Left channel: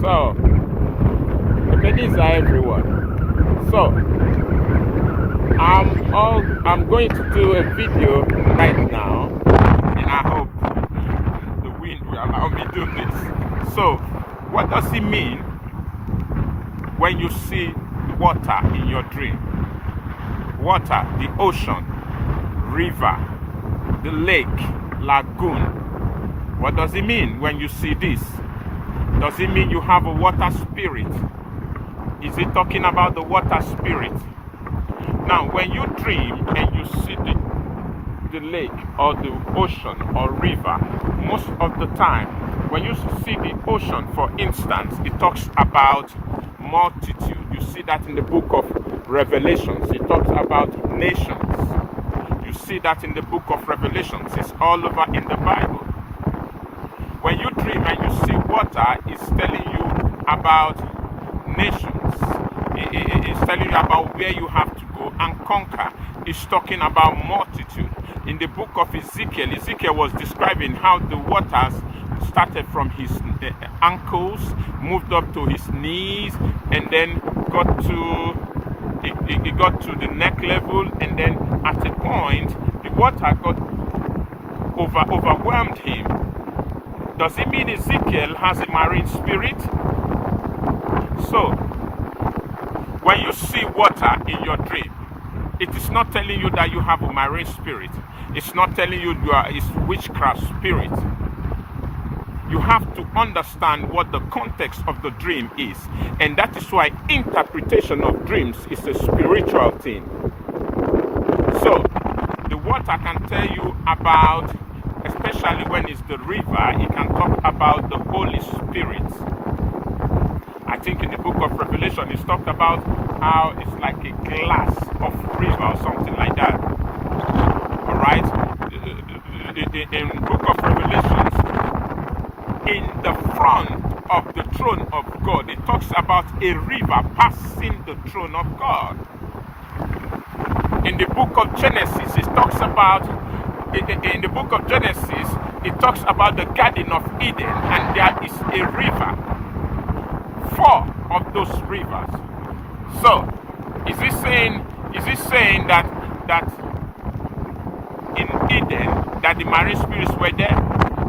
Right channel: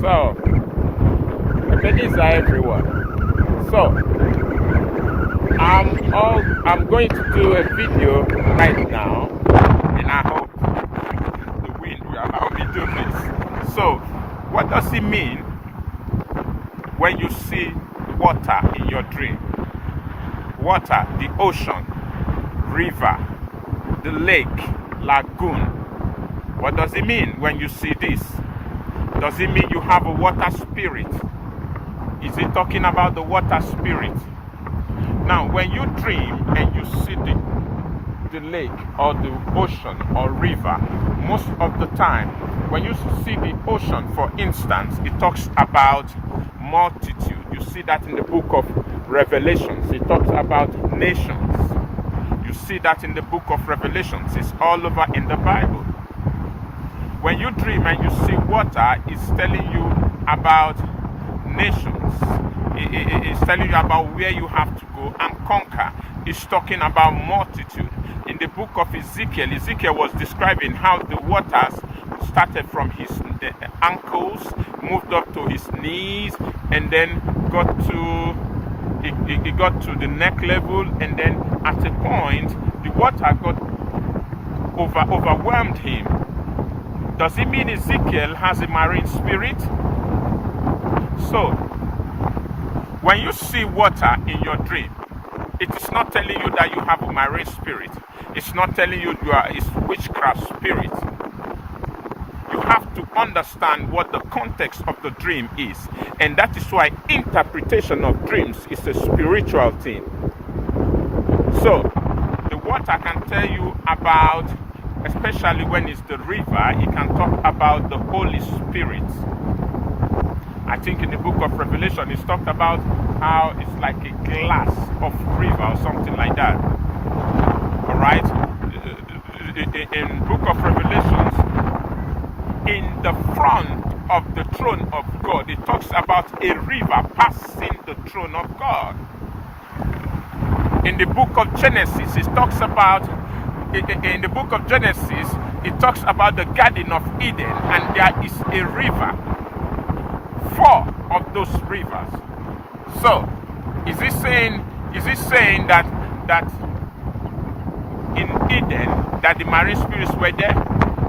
So, Ebenezer, everyone. So, I'm going to do a video right now, and I hope the wind will allow me to do this. So, what does it mean when you see water in your dream? Water, the ocean, river, the lake, lagoon. What does it mean when you see this? Does it mean you have a water spirit? Is it talking about the water spirit? Now, when you dream and you see the lake or the ocean or river, most of the time, when you see the ocean, for instance, it talks about multitude. You see that in the book of Revelations. It talks about nations. You see that in the book of Revelations. It's all over in the Bible. When you dream and you see water, it's telling you about nations. It's telling you about where you have to go and conquer. It's talking about multitude. In the book of Ezekiel, Ezekiel was describing how the waters started from his ankles, moved up to his knees, and then got to the neck level, and then at a point the water got overwhelmed him. Does it mean Ezekiel has a marine spirit? So, when you see water in your dream, it is not telling you that you have a marine spirit. It's not telling you it's witchcraft spirit. You have to understand what the context of the dream is. And that is why interpretation of dreams is a spiritual thing. So, the water can tell you about, especially when it's the river, it can talk about the Holy Spirit. I think in the book of Revelation, it's talked about how it's like a glass of river or something like that. All right? In the book of Revelations, in the front of the throne of God, it talks about a river passing the throne of God. In the book of Genesis, it talks about in the book of Genesis, it talks about the Garden of Eden, and there is a river. 4 of those rivers. So, is it saying that in Eden that the marine spirits were there?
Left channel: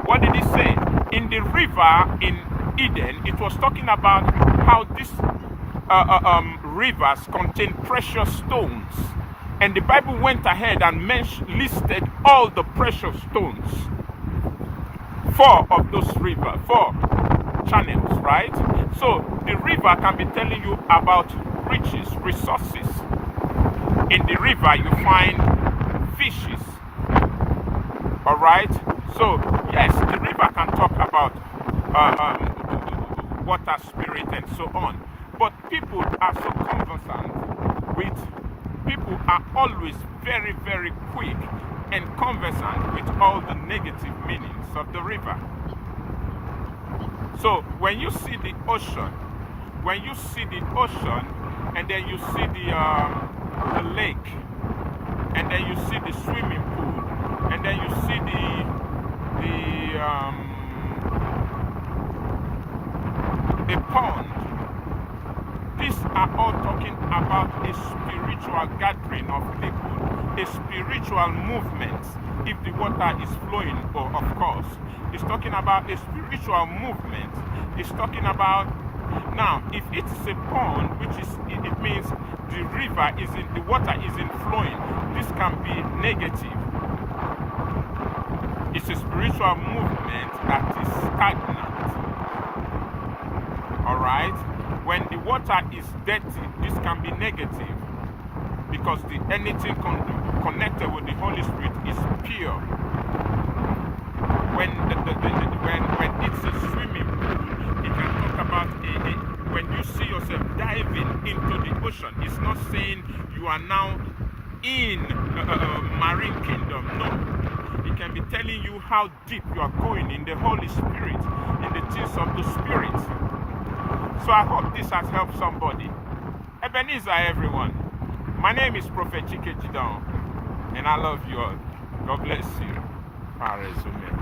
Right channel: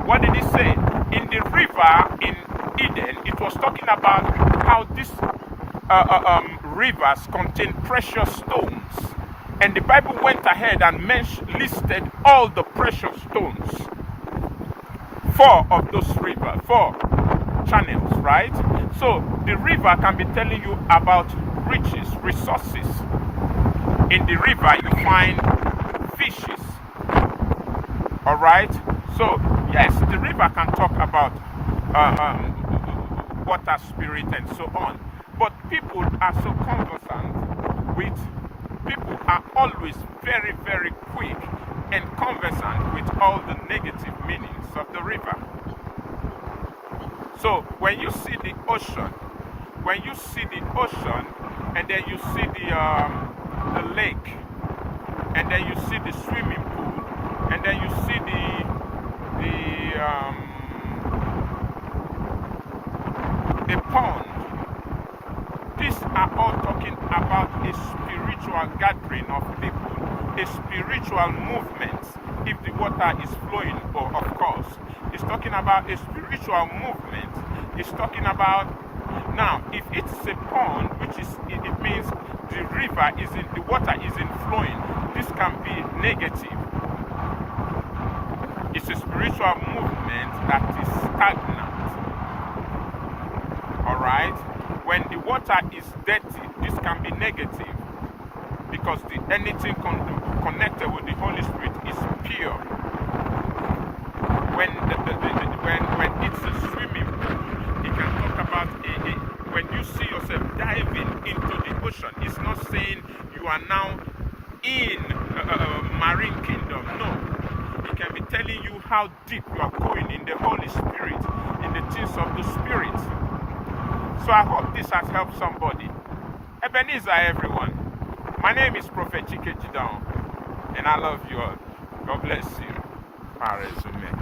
What did it say? In the river in Eden, it was talking about how these rivers contain precious stones. And the Bible went ahead and listed all the precious stones. 4 of those rivers, 4 channels, right? So the river can be telling you about riches, resources. In the river, you find fishes. All right? So, yes, the river can talk about water spirit and so on. But people are so conversant with, people are always very, very quick and conversant with all the negative meanings of the river. So when you see the ocean, and then you see the lake, and then you see the swimming pool, and then you see the pond, these are all talking about a spiritual gathering of people, a spiritual movement. If the water is flowing, of course, it's talking about a spiritual movement. It's talking about, now, if it's a pond, which is, it means the river the water isn't flowing. This can be negative. It's a spiritual movement that is stagnant. Alright? When the water is dirty, this can be negative. Because anything connected with the Holy Spirit is pure. When it's a swimming pool, it can talk about when you see yourself diving into the ocean. It's not saying you are now in marine kingdom. No, it can be telling you how deep you are going in the Holy Spirit, in the things of the Spirit. So I hope this has helped somebody. Ebenezer, everyone. My name is Prophet Chike Jideonwo, and I love you all. God bless you. My resume.